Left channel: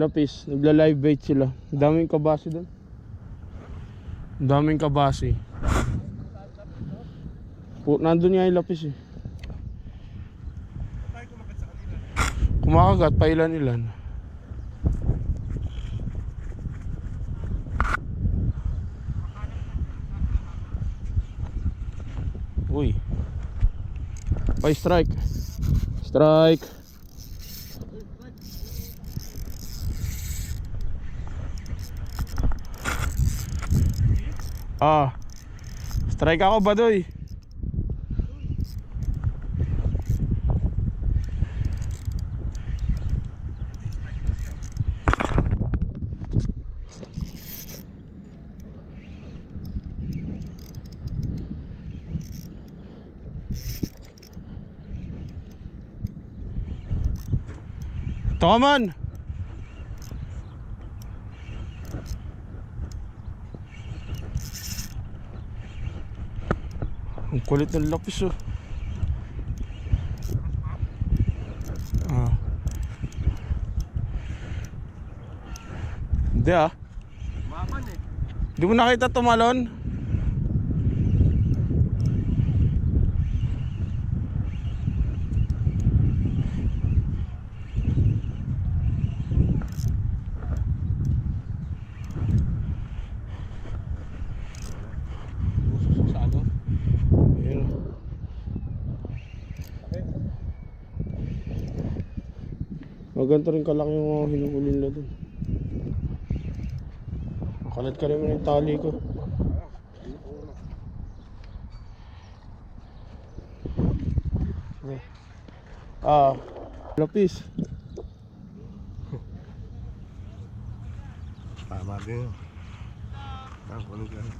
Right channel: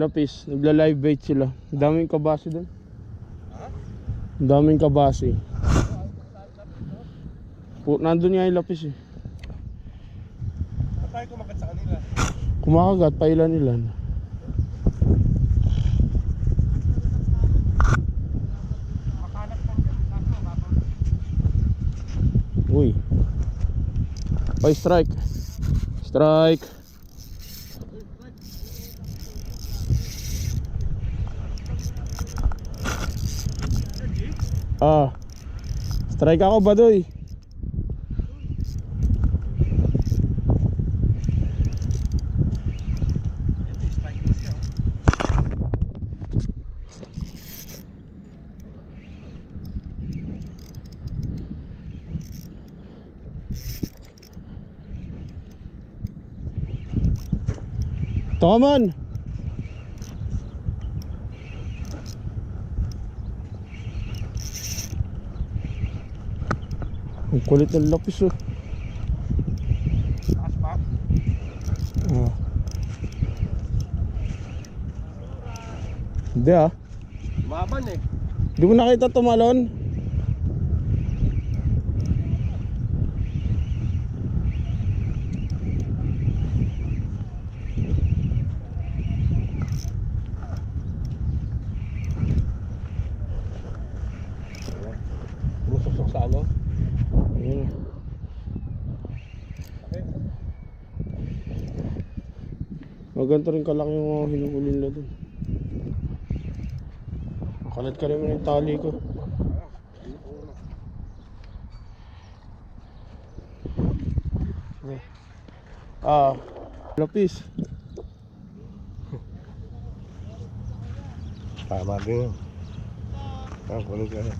Lapis, nagla-live bait sila. Daming kabasi doon. Daming kabasi. Nandun nga yung lapis eh. Tayo kumagat sa kanila. Kumakagat pa ilan-ilan. Uy. Oy, strike. Strike. Ah. Strike ako, Badoy. Toman. Ang kulit ng lapis oh. Ah. Hindi ah. Maban eh. Di mo nakita tumalon? Sumusok sa ano? Ayun. Okay. Maganto rin kalaki yung mga hinuhuli nila dun. Makalat ka rin mo yung tali ko. Ah, lapis. Tama din yun. Kulit ka na.